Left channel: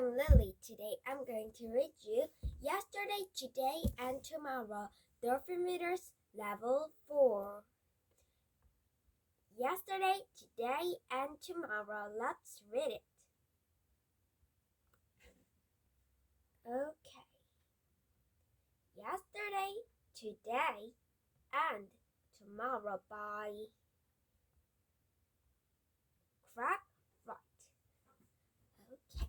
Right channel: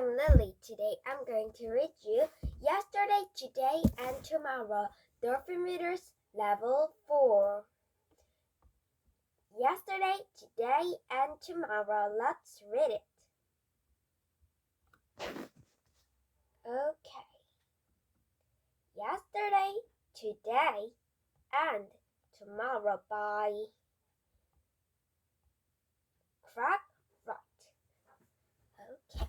I'm Lily. Today I'm going to read you Yesterday, Today, and Tomorrow, Dolphinreaders Level 4. Yesterday, today, and tomorrow. Let's read it. Okay. Yesterday, Today, and Tomorrow by Crack Right. Okay.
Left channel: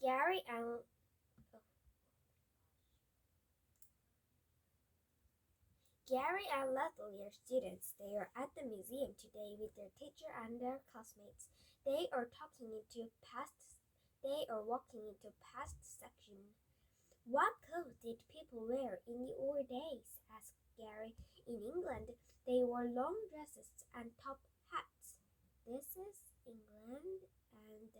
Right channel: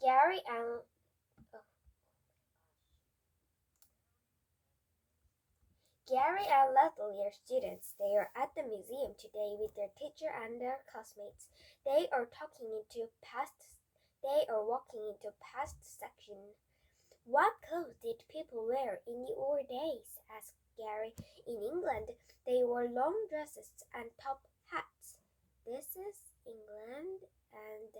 Gary and Leslie are students. They are at the museum today with their teacher and their classmates. They are walking into past section. What clothes did people wear in the old days? Asked Gary. In England, they wore long dresses and top hats. This is England, and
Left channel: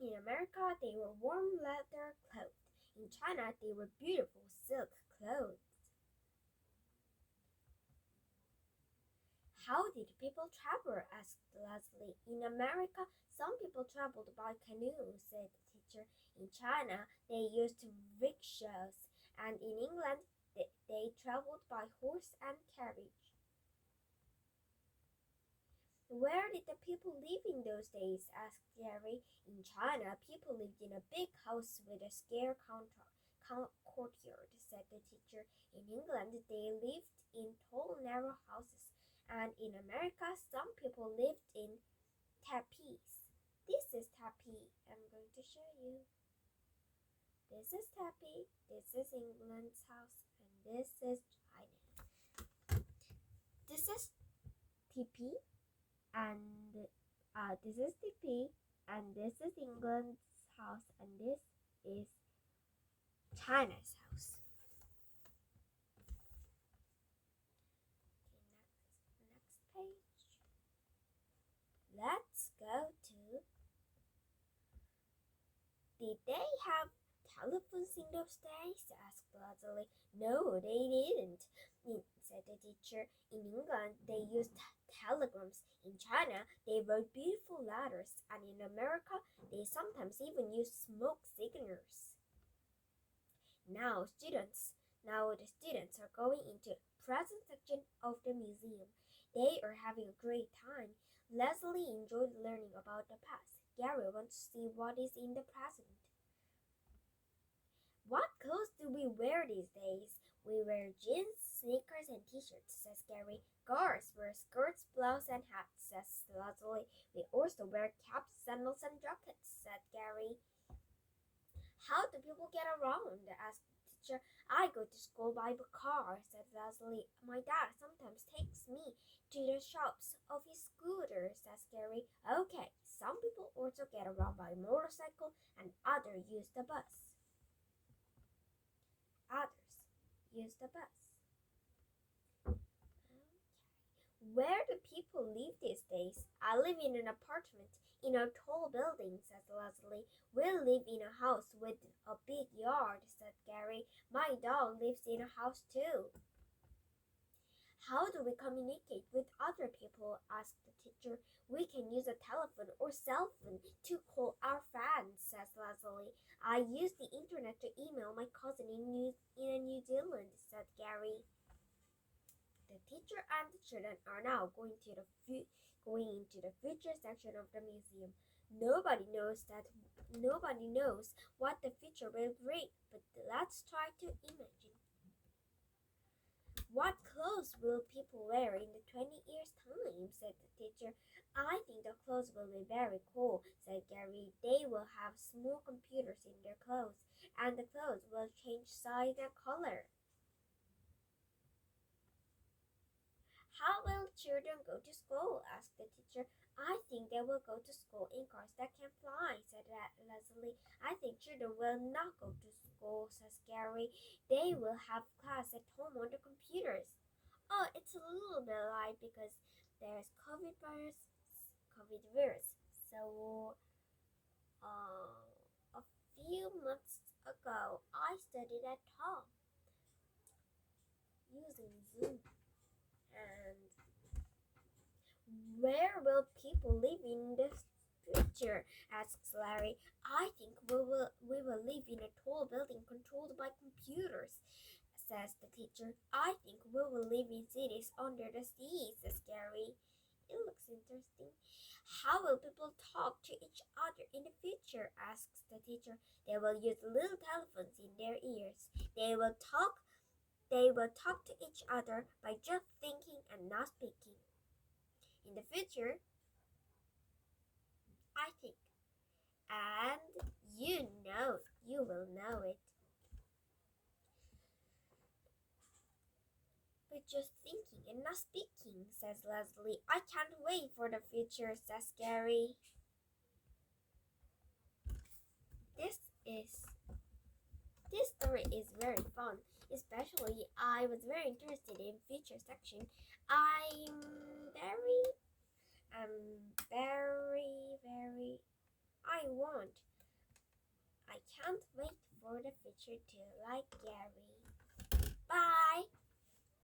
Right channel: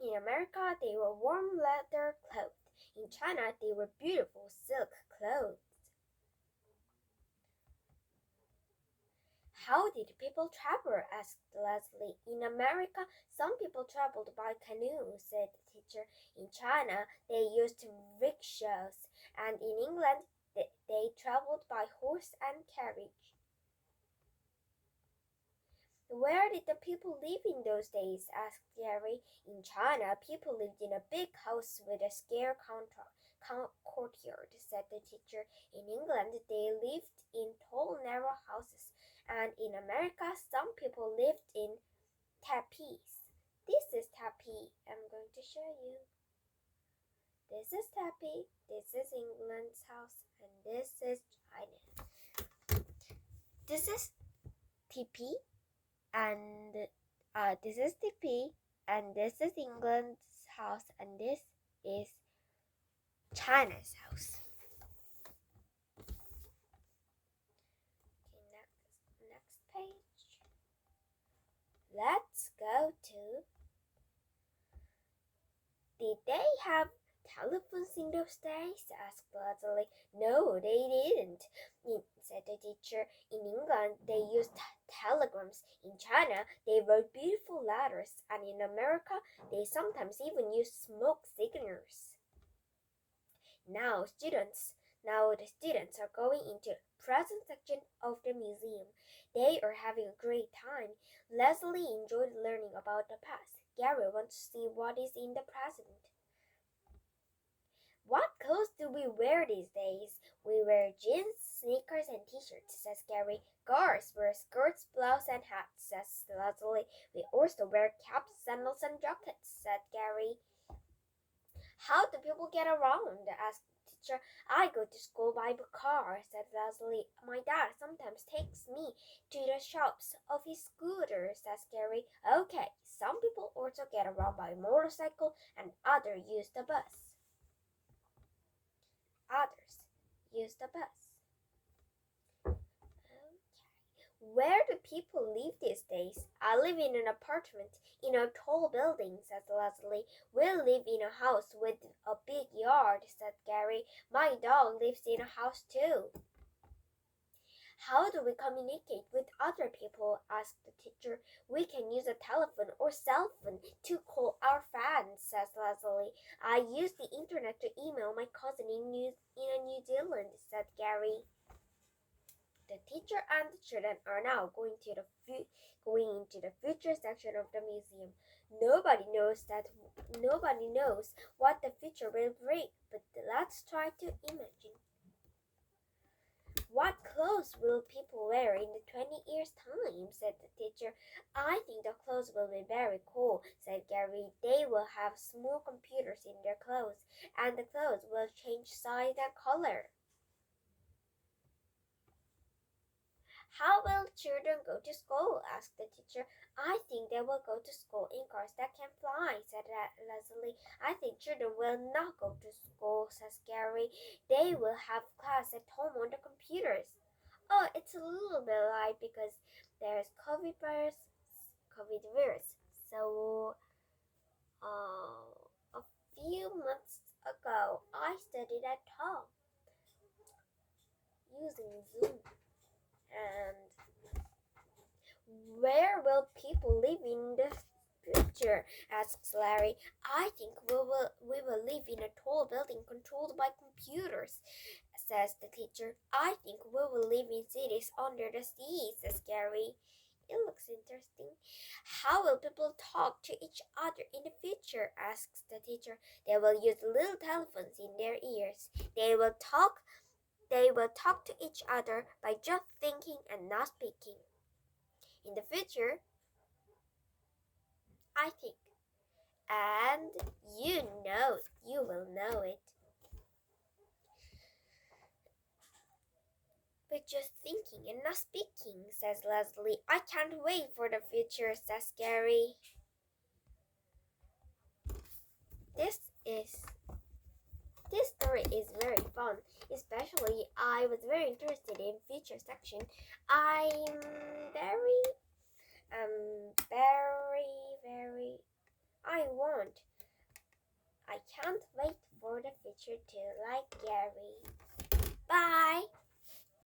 in America, they wore warm leather clothes. In China, they wore beautiful silk clothes. How did people travel? Asked Leslie. In America, some people traveled by canoe, said the teacher. In China, they used rickshaws, and in England, they traveled by horse and carriage. Where did the people live in those days? Asked Gary. In China, people lived in a big house with a square courtyard, said the teacher. In England, they lived in tall, narrow houses, and in America, some people lived in teepees. This is teepee. I'm going to show you. This is teepee. This is England's house, and this is China. This is teepee. And this is teepee, and this is England's house, and this is China's house. Okay, next page. Let's go to. Did they have telephones in those days? Asked Leslie. No, they didn't, said the teacher. In England, they used telegrams. In China, they wrote beautiful letters, and in America, they sometimes even used smoke signals. Now the students are going into present section of the museum. They are having a great time. Leslie enjoyed learning about the past. Gary wants to see what is in the present. What clothes do we wear these days? We wear jeans, sneakers, and t-shirts, says Gary. Girls wear skirts, blouses, and hats, says Leslie. We also wear caps, sandals, and jackets, said Gary. How do people get around? Asked the teacher. I go to school by car, said Leslie. My dad sometimes takes me to the shops of his scooter, says Gary. Okay, some people also get around by motorcycle, and others use the bus. Where do people live these days? I live in an apartment in a tall building, said Leslie. We live in a house with a big yard, said Gary. My dog lives in a house too. How do we communicate with other people? Asked the teacher. We can use a telephone or cell phone to call our friends, says Leslie. I use the internet to email my cousin in New Zealand, said Gary. The teacher and the children are now going into the future section of the museum. Nobody knows what the future will bring, but let's try to imagine. What clothes will people wear in the 20 years' time? Said the teacher. I think the clothes will be very cool, said Gary. They will have small computers in their clothes, and the clothes will change size and color. How will children go to school? Asked the teacher. I think they will go to school in cars that can fly, said Leslie. I think children will not go to school, says Gary. They will have class at home on the computers. Oh, it's a little bit light because there's COVID virus. So, a few months ago, I studied at home using Zoom. And where will people live in the future? future? Asks Larry. I think we will live in a tall building controlled by computers, says the teacher. I think we will live in cities under the sea, says Gary. It looks interesting. How will people talk to each other in the future? Asks the teacher. They will use little telephones in their ears. They will talk to each other by just thinking and not speaking. In the future, I think. And you will know it. But just thinking and not speaking, says Leslie. I can't wait for the future, says Gary. This story is very fun. Especially, I was very interested in future section. I can't wait for the future too, like Gary.